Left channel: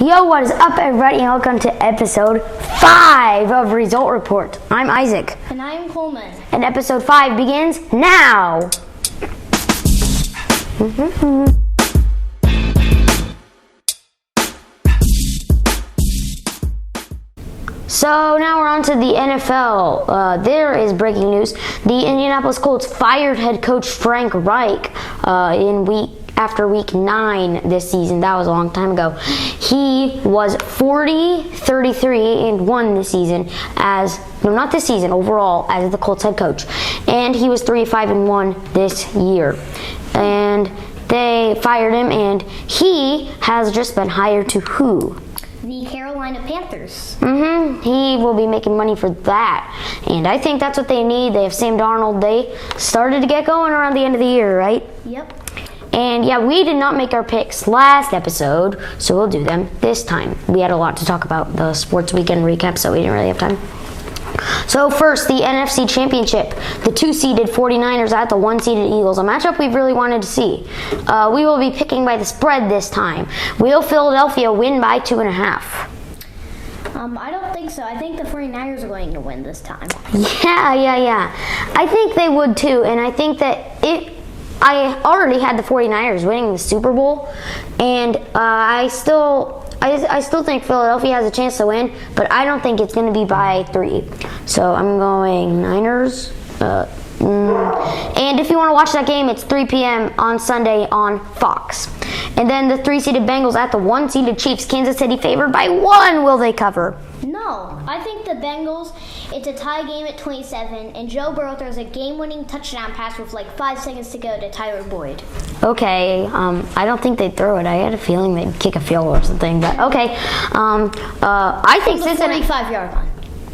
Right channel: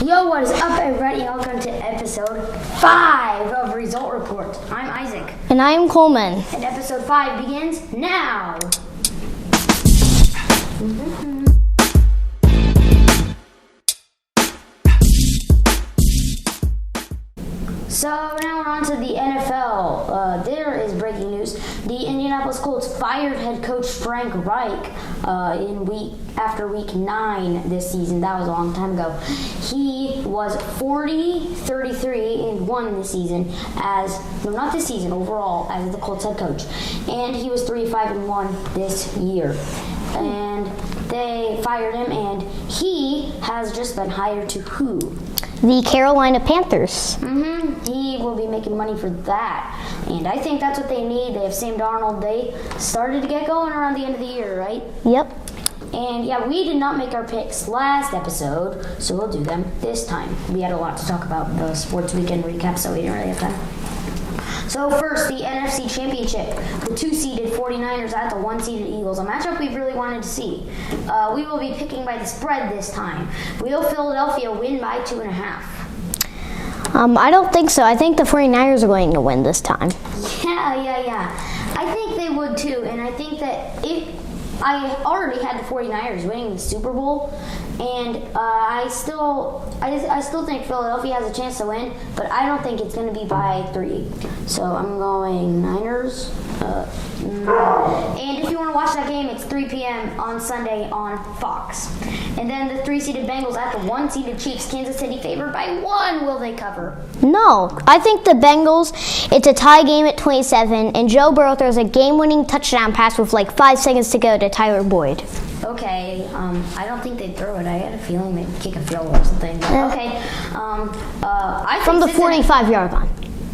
Yo, what is up, everybody, and welcome to episode 5 of Result Report. I'm Isaac. And I'm Coleman. And episode 5 begins now. So now we're on to the NFL. There is breaking news. The Indianapolis Colts fired head coach Frank Reich after week 9 this season. That was a long time ago. He was 40-33-1 this season not this season, overall as the Colts head coach. And he was 3-5-1 this year. And they fired him, and he has just been hired to who? The Carolina Panthers. He will be making money for that. And I think that's what they need. They have Sam Darnold. They started to get going around the end of the year, right? Yep. And yeah, we did not make our picks last episode, so we'll do them this time. We had a lot to talk about, the sports weekend recap, so we didn't really have time. So first, the NFC Championship. The 2-seeded 49ers at the 1-seeded Eagles. A matchup we've really wanted to see. We will be picking by the spread this time. Will Philadelphia win by 2.5? I don't think so. I think the 49ers are going to win this time. Yeah. I think they would too, and I think that I already had the 49ers winning the Super Bowl, and I still think Philadelphia has a chance to win, but I don't think it's going to be by 3. So I'm going Niners. And if you want to watch that game, it's 3 p.m. on Sunday on Fox. And then the 3-seeded Bengals at the 1-seeded Chiefs. Kansas City favored by 1. Will they cover? No. I think the Bengals, it's a tie game at 27, and Joe Burrow throws a game-winning touchdown pass with like 5 seconds to go to Tyler Boyd. Okay, I don't think they'd throw it. I had a feeling they'd kick a field goal or something. But okay, I think from the 45-yard line.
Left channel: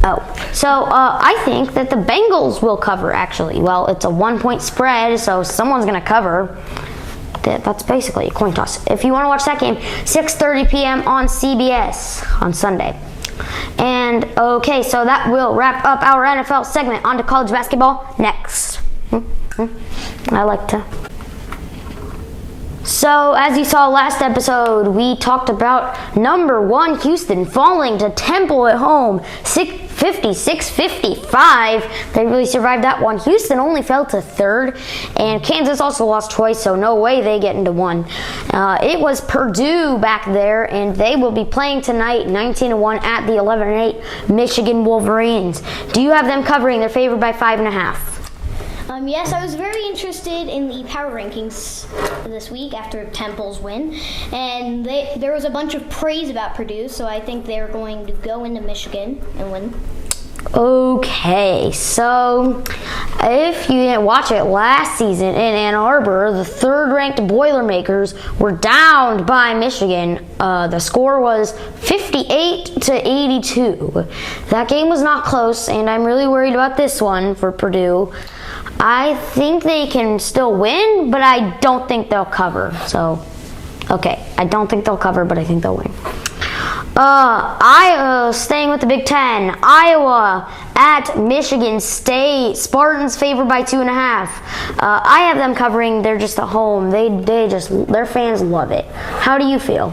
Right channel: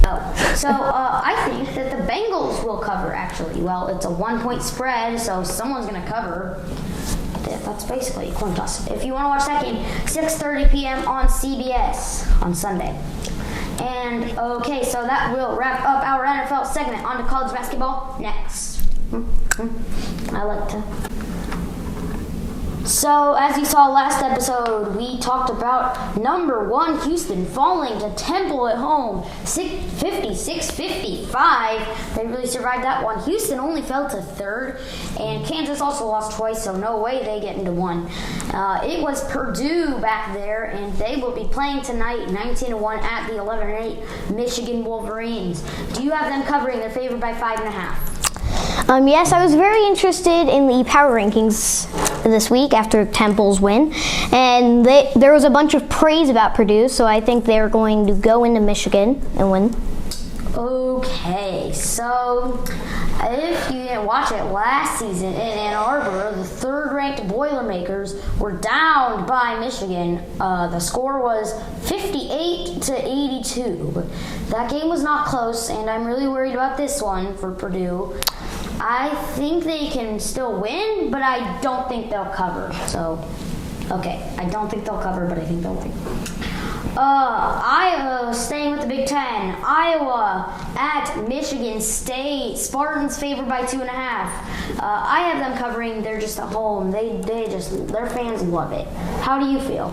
I think that the Bengals will cover, actually. Well, it's a 1-point spread, so someone's going to cover. That's basically a coin toss. If you want to watch that game, 6:30 p.m. on CBS on Sunday. And okay, so that will wrap up our NFL segment. On to college basketball next. So, as you saw last episode, we talked about number 1 Houston falling to Temple at home, 56-55. They really survived that one. Houston only fell to 3rd, and Kansas also lost twice, so no way they get into 1. It was Purdue back there, and they will be playing tonight, 19-1 at the 11-8 Michigan Wolverines. Do you have them covering? They're favored by 5.5. Yes, I was very interested in the power rankings this week after Temple's win, and there was a bunch of praise about Purdue, so I think they're going to go into Michigan and win. Okay, so if you didn't watch it last season in Ann Arbor, the 3rd-ranked Boilermakers were downed by Michigan. The score was 58-82. That game was not close, and I'm really worried about this one for Purdue. I think they can still win, but I don't think they'll cover. So, okay, I don't think they'll cover, but I think they'll win. Staying with the Big Ten, Iowa at Michigan State. Spartans favored by 2.5. I have them covering. They're just at home. Their fans love it. How do you feel?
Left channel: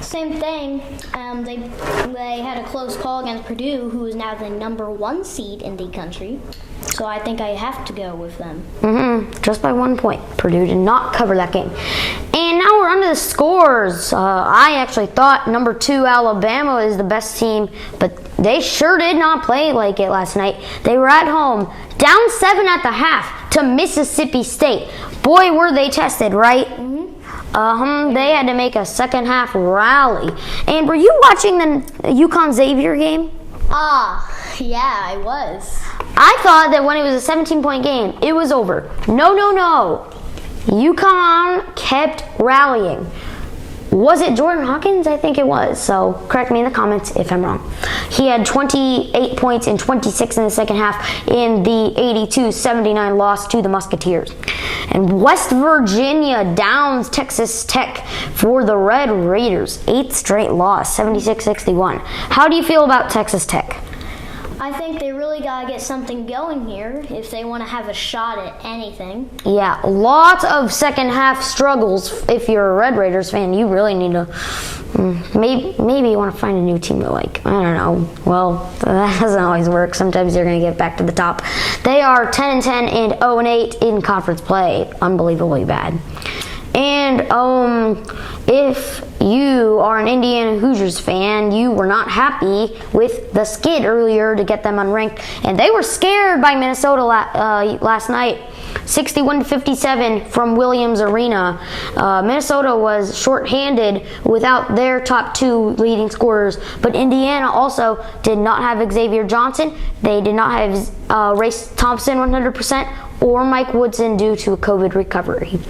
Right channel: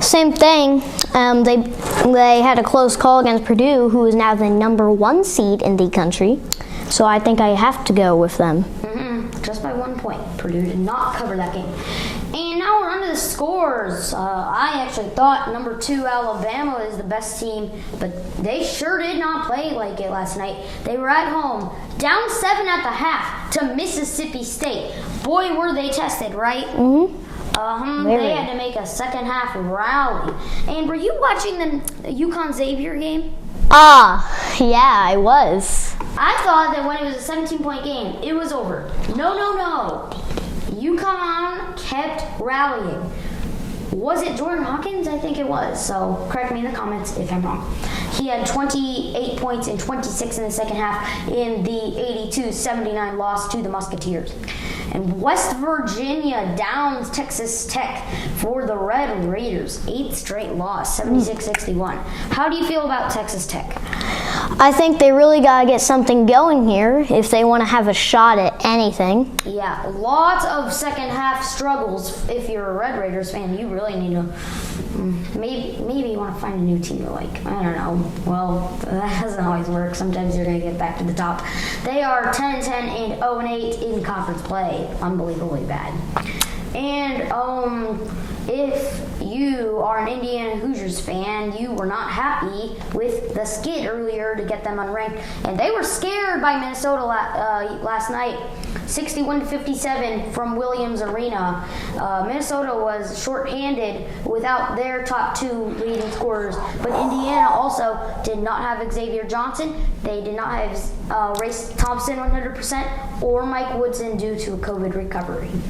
Same thing. They had a close call against Purdue, who is now the number 1 seed in the country. So I think I have to go with them. Just by 1 point. Purdue did not cover that game. And now we're on to the scores. I actually thought number 2 Alabama is the best team, but they sure did not play like it last night. They were at home, down 7 at the half to Mississippi State. Boy, were they tested, right? They had to make a second half rally. And were you watching the UConn Xavier game? Yeah, I was. I thought that when it was a 17-point game, it was over. No. UConn kept rallying. Was it Jordan Hawkins? I think it was. So correct me in the comments if I'm wrong. He had 28 points and 26 in the second half in the 82-79 loss to the Musketeers. And West Virginia downs Texas Tech for the Red Raiders. 8th straight loss, 76-61. How do you feel about Texas Tech? I think they really got to get something going here if they want to have a shot at anything. Yeah, lots of second half struggles. If you're a Red Raiders fan, you really need to Maybe you want to find a new team to like. I don't know. Well, that doesn't always work. Sometimes you're going to get back to the top. They are 10-10 and 0-8 in conference play. Unbelievably bad. And if you are an Indiana Hoosiers fan, you were not happy with the skid earlier to get them unranked, and they were scared by Minnesota last night. 61-57 from Williams Arena. Minnesota was shorthanded without their top two leading scorers, but Indiana also did not have Xavier Johnson. They did not have Race Thompson 100% or Mike Woodson due to a COVID recovery.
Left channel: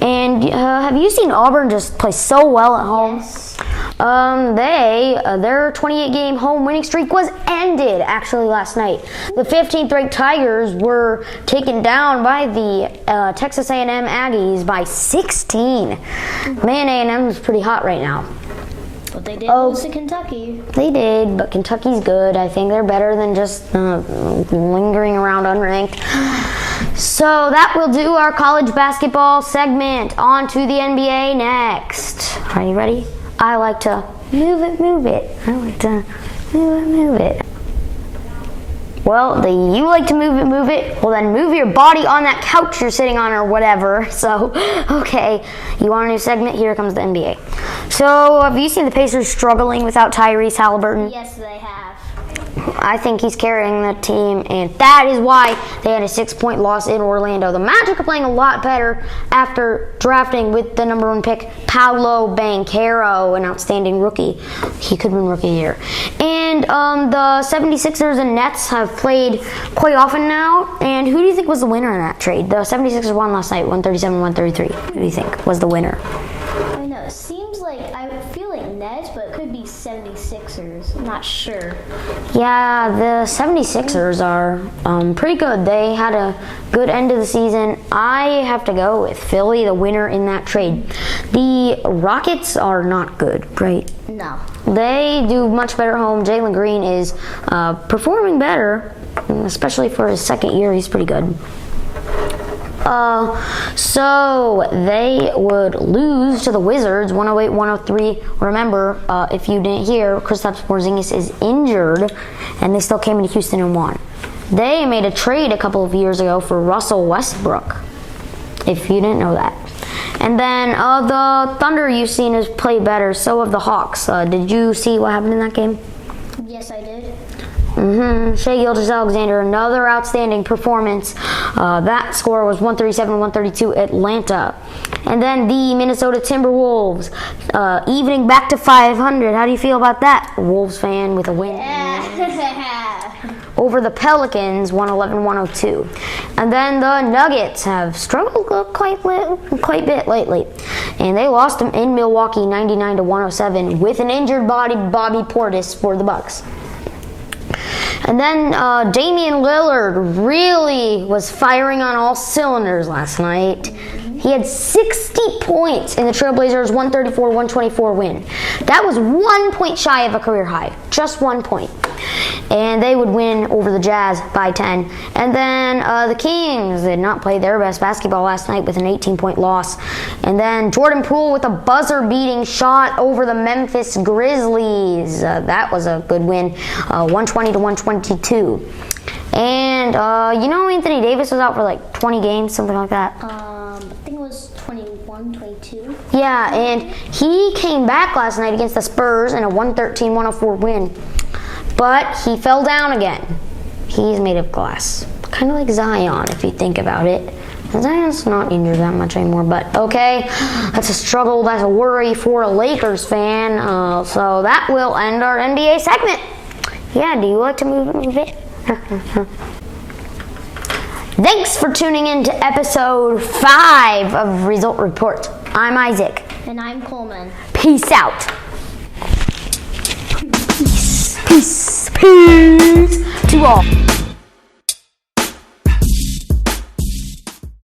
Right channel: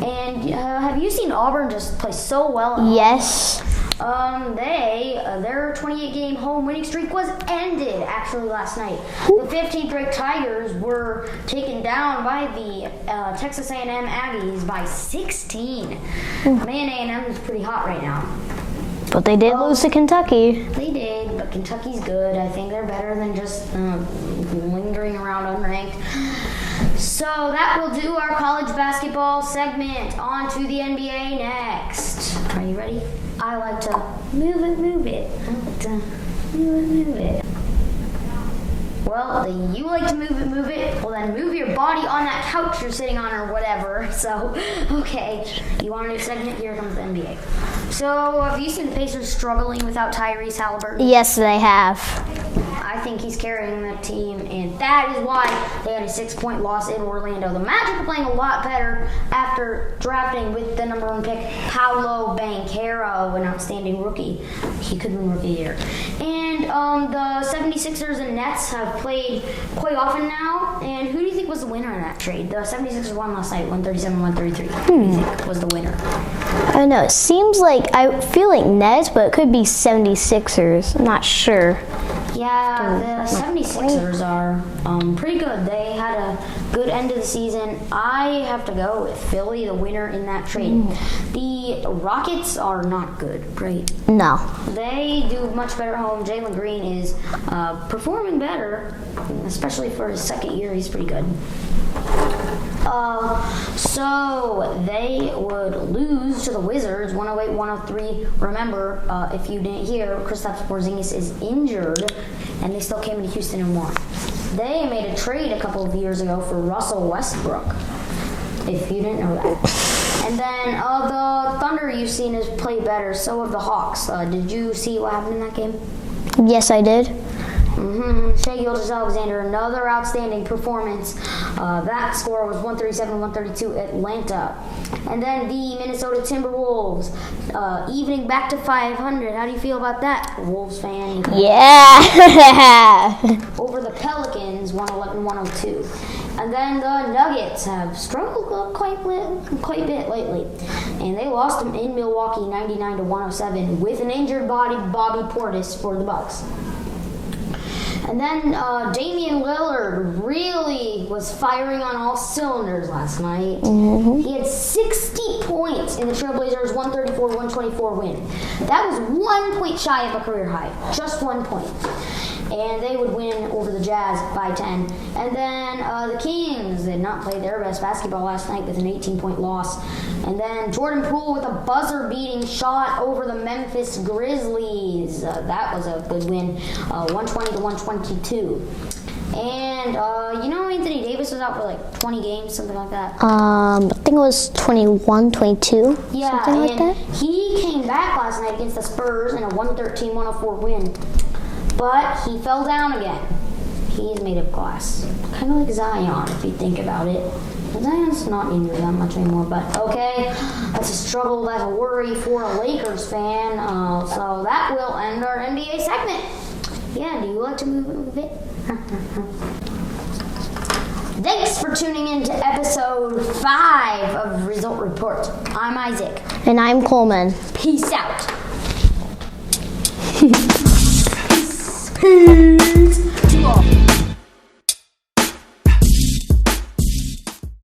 And have you seen Auburn just play so well at home? Yes. Their 28-game home winning streak was ended actually last night. The 15th ranked Tigers were taken down by the Texas A&M Aggies by 16. Man, A&M is pretty hot right now. But they did lose to Kentucky. They did, but Kentucky's good. I think they're better than just lingering around unranked. So that will do our college basketball segment. On to the NBA next. Are you ready? I like to move it. I like to move it. Well, you like to move it. Well, then move your body on that couch you're sitting on or whatever. So, okay, you want a new segment? Here comes the NBA. So, have you seen the Pacers struggling without Tyrese Halliburton? Yes, they have. I think he's carrying the team, and that is why they had a 6-point loss in Orlando. The Magic are playing a lot better after drafting with the number 1 pick, Paolo Banchero, an outstanding rookie. He could win Rookie of the Year. And the 76ers and Nets have played quite often now. And who do you think was the winner in that trade? The 76ers won last night, 137-133. Who do you think was the winner? I don't know. It seems like, I feel like Nets, but it could be 76ers. I'm not sure. Yeah, the 76ers are pretty good. They had a good end of the season. I have to go with Philly, the winner in that trade. The Rockets are not good, right? No. They do much better at home. Jalen Green is performing better, especially for his second year. He's pretty good. So they would lose to the Wizards 108-103. Remember, if you didn't hear, Kristaps Porzingis is injured, and they still came into Houston and won. They made a trade a couple of years ago for Russell Westbrook, if you didn't know that. And then the Thunder you've seen has played better. So have the Hawks. Did you see what happened in that game? Yes, I did. Shai Gilgeous-Alexander, another outstanding performance. That score was 137-132 Atlanta. And then the Minnesota Timberwolves, evening back to 500. How do you feel about that, Wolves fan with a win? Yeah. Over the Pelicans, 111-102. And then the Nuggets have struggled quite a bit lately. And they lost them in Milwaukee, 99-107, with an injured Bobby Portis for the Bucks. And then Damian Lillard really was firing on all cylinders last night. He had 60 points in the Trailblazers' 134-124 win. That was 1 point shy of a career high, just 1 point. And they would win over the Jazz by 10. And then the Kings did not play their best basketball last night with an 18-point loss. And then Jordan Poole with a buzzer-beating shot over the Memphis Grizzlies. That was a good win, 120-122. And Anthony Davis was out for like 20 games, something like that. I think it was 21, 22. Yeah, and like he came back last night against the Spurs in a 113-104 win. But he fell down again. He's made of glass. Kind of like Zion, if you think about it. Zion's not injured that much anymore, but okay. That's a struggle, that's a worry for a Lakers fan. So that will end our NBA segment. Yeah, do you like to move it? Thanks for tuning in to episode 5 of Result Report. I'm Isaac. And I'm Coleman. Peace out. Peace to all.